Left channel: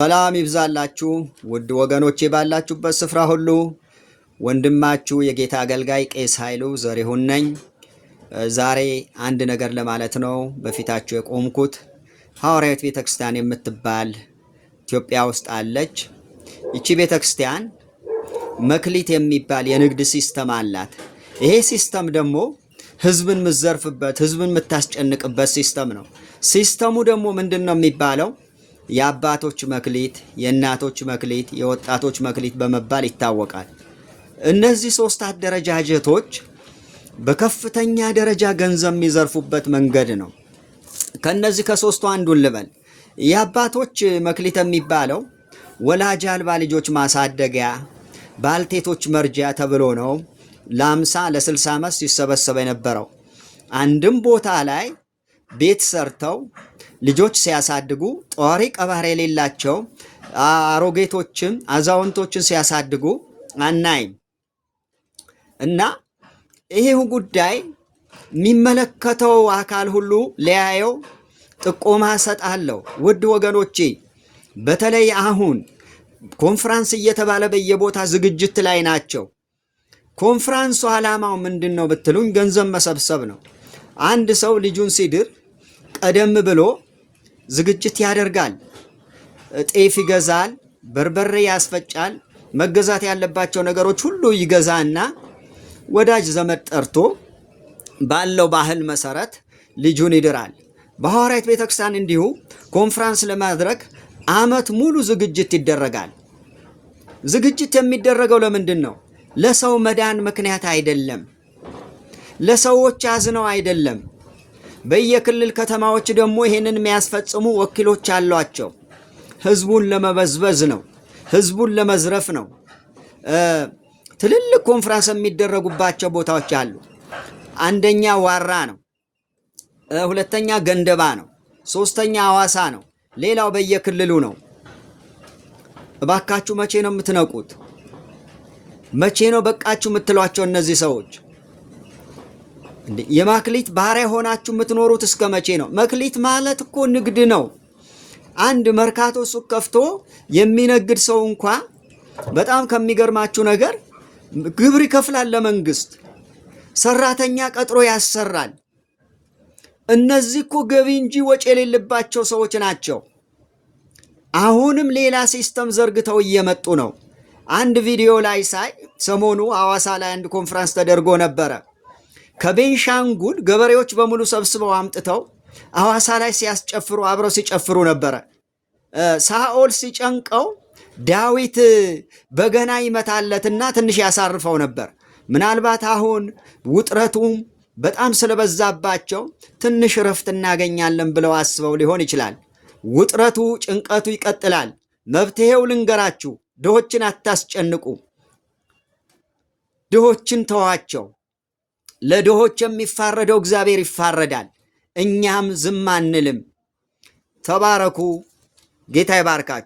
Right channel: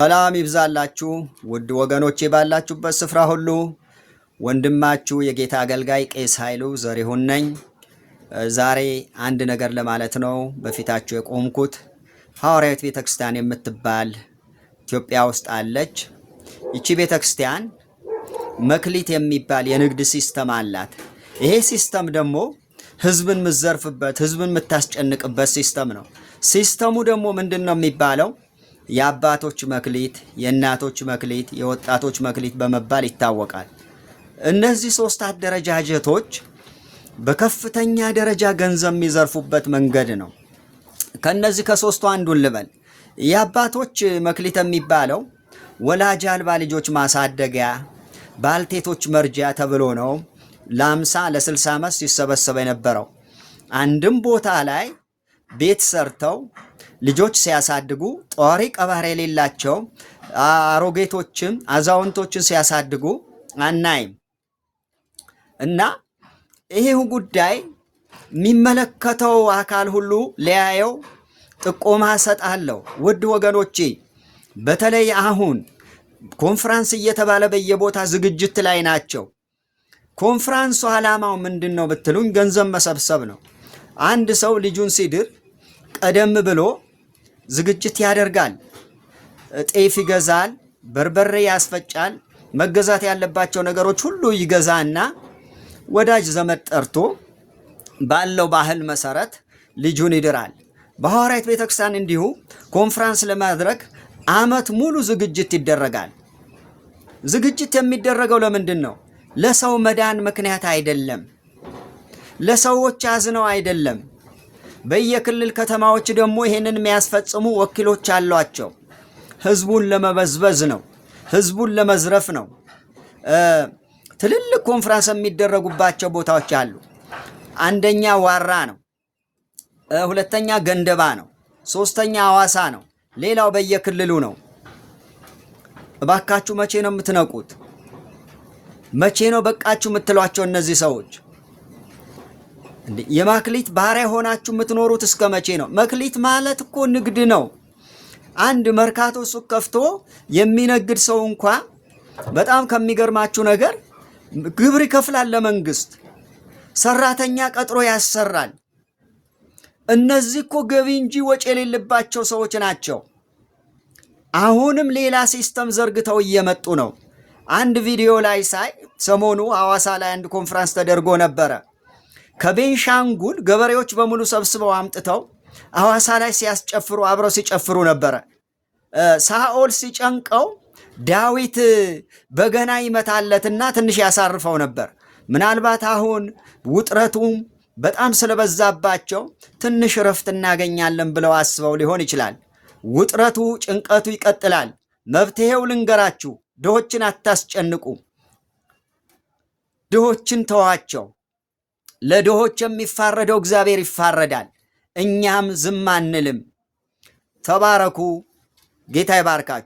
ሰላም ይብዛላችሁ ውድ ወገኖቼ ባላችሁበት ስፍራ ሁሉ ወንድማችሁ የጌታ አገልጋይ ቄስ ኃይሉ ዘሪሁን ነኝ። ዛሬ አንድ ነገር ለማለት ነው በፊታችሁ የቆምኩት። ሐዋርያዊት ቤተክርስቲያን የምትባል ኢትዮጵያ ውስጥ አለች። ይቺ ቤተክርስቲያን መክሊት የሚባል የንግድ ሲስተም አላት። ይሄ ሲስተም ደግሞ ህዝብን ምዘርፍበት፣ ህዝብን ምታስጨንቅበት ሲስተም ነው። ሲስተሙ ደግሞ ምንድነው የሚባለው? የአባቶች መክሊት፣ የእናቶች መክሊት፣ የወጣቶች መክሊት በመባል ይታወቃል። እነዚህ ሶስት አደረጃጀቶች በከፍተኛ ደረጃ ገንዘብ የሚዘርፉበት መንገድ ነው። ከነዚህ ከሶስቱ አንዱን ልበል። የአባቶች መክሊት የሚባለው ወላጅ አልባ ልጆች ማሳደጊያ፣ ባልቴቶች መርጃ ተብሎ ነው ለ50 ለ60 ዓመት ሲሰበሰበ የነበረው። አንድም ቦታ ላይ ቤት ሰርተው ልጆች ሲያሳድጉ ጧሪ ቀባሪ የሌላቸው አሮጌቶችም አዛውንቶችን ሲያሳድጉ አናይም። እና ይሄው ጉዳይ የሚመለከተው አካል ሁሉ ሊያየው ጥቆማ ሰጣለሁ። ውድ ወገኖቼ በተለይ አሁን ኮንፈረንስ እየተባለ በየቦታ ዝግጅት ላይ ናቸው። ኮንፈረንሱ ዓላማው ምንድነው ብትሉኝ ገንዘብ መሰብሰብ ነው። አንድ ሰው ልጁን ሲድር ቀደም ብሎ ዝግጅት ያደርጋል። ጤፍ ይገዛል፣ በርበሬ ያስፈጫል፣ መገዛት ያለባቸው ነገሮች ሁሉ ይገዛና ወዳጅ ዘመድ ጠርቶ ባለው ባህል መሰረት ልጁን ይድራል። በሐዋርያዊት ቤተክርስቲያን እንዲሁ ኮንፈረንስ ለማድረግ ዓመት ሙሉ ዝግጅት ይደረጋል። ዝግጅት የሚደረገው ለምንድን ነው? ለሰው መዳን ምክንያት አይደለም። ለሰዎች አዝነው አይደለም። በየክልል ከተማዎች ደግሞ ይሄንን የሚያስፈጽሙ ወኪሎች አሏቸው። ህዝቡን ለመበዝበዝ ነው፣ ህዝቡን ለመዝረፍ ነው። ትልልቅ ኮንፈረንስ የሚደረጉባቸው ቦታዎች አሉ። አንደኛ ዋራ ነው፣ ሁለተኛ ገንደባ ነው፣ ሶስተኛ ሐዋሳ ነው፣ ሌላው በየክልሉ ነው። እባካችሁ መቼ ነው የምትነቁት? መቼ ነው በቃችሁ የምትሏቸው? እነዚህ ሰዎች የማክሊት ባሪያ ሆናችሁ የምትኖሩት እስከ መቼ ነው? መክሊት ማለት እኮ ንግድ ነው። አንድ መርካቶ ሱቅ ከፍቶ የሚነግድ ሰው እንኳ በጣም ከሚገርማችሁ ነገር ግብር ይከፍላል ለመንግስት፣ ሰራተኛ ቀጥሮ ያሰራል። እነዚህ እኮ ገቢ እንጂ ወጪ የሌለባቸው ሰዎች ናቸው። አሁንም ሌላ ሲስተም ዘርግተው እየመጡ ነው። አንድ ቪዲዮ ላይ ሳይ ሰሞኑ ሐዋሳ ላይ አንድ ኮንፈረንስ ተደርጎ ነበረ። ከቤንሻንጉል ገበሬዎች በሙሉ ሰብስበው አምጥተው ሐዋሳ ላይ ሲያስጨፍሩ አብረው ሲጨፍሩ ነበረ። ሳኦል ሲጨንቀው ዳዊት በገና ይመታለትና ትንሽ ያሳርፈው ነበር። ምናልባት አሁን ውጥረቱም በጣም ስለበዛባቸው ትንሽ ረፍት እናገኛለን ብለው አስበው ሊሆን ይችላል። ውጥረቱ ጭንቀቱ ይቀጥላል። መፍትሄው ልንገራችሁ፣ ድሆችን አታስጨንቁ። ድሆችን ተዋቸው። ለድሆች የሚፋረደው እግዚአብሔር ይፋረዳል። እኛም ዝም አንልም። ተባረኩ። ጌታ ይባርካችሁ።